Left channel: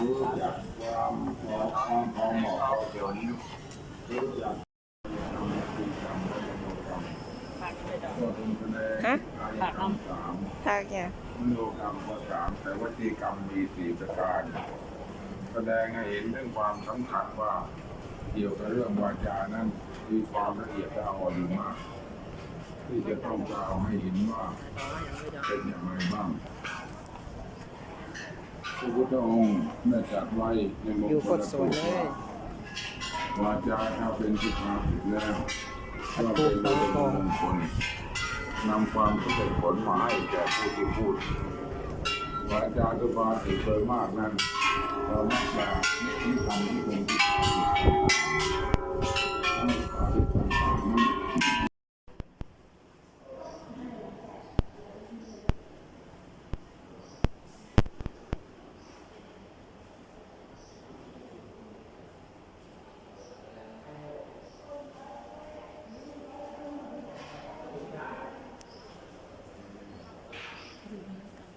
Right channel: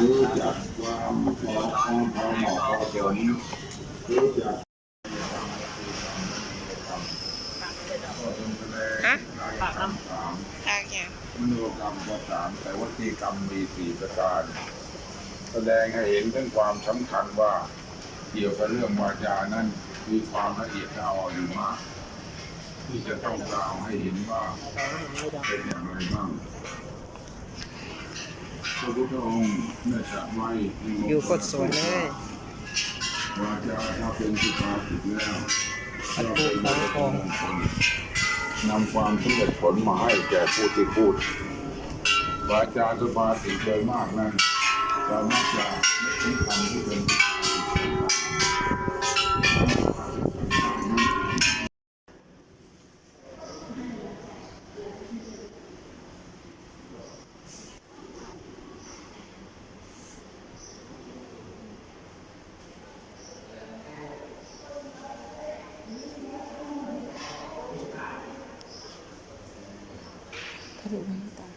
รู้จักความพอความพอเหมาะพอสมรู้จักก็เป็นแสดงฮะกายกรรมสามโอเคมโนกรรมก็สามแต่วจีกรรมมีสี่ประการ แสดงให้เห็นถึงความสำคัญว่า เกี่ยวกับเรื่องวาจานั้นมีความละเอียดละอออยู่มาก ที่จะต้องกล่าวให้เห็นว่าเป็นอย่างไรบ้างพระพุทธองค์ได้ตรัสไว้ในมงคลอยู่กดสวนเลยวาจาถ้าเป็นสุภาษิตแล้วอันพูดเขาคงมงคลนำความสำเร็จผลมาให้แก่ผู้ที่พูดวาจาสุภาษิตโดยมากนั้นเรามักจะนึกถึงคำที่เป็นสุภาษิต Cari.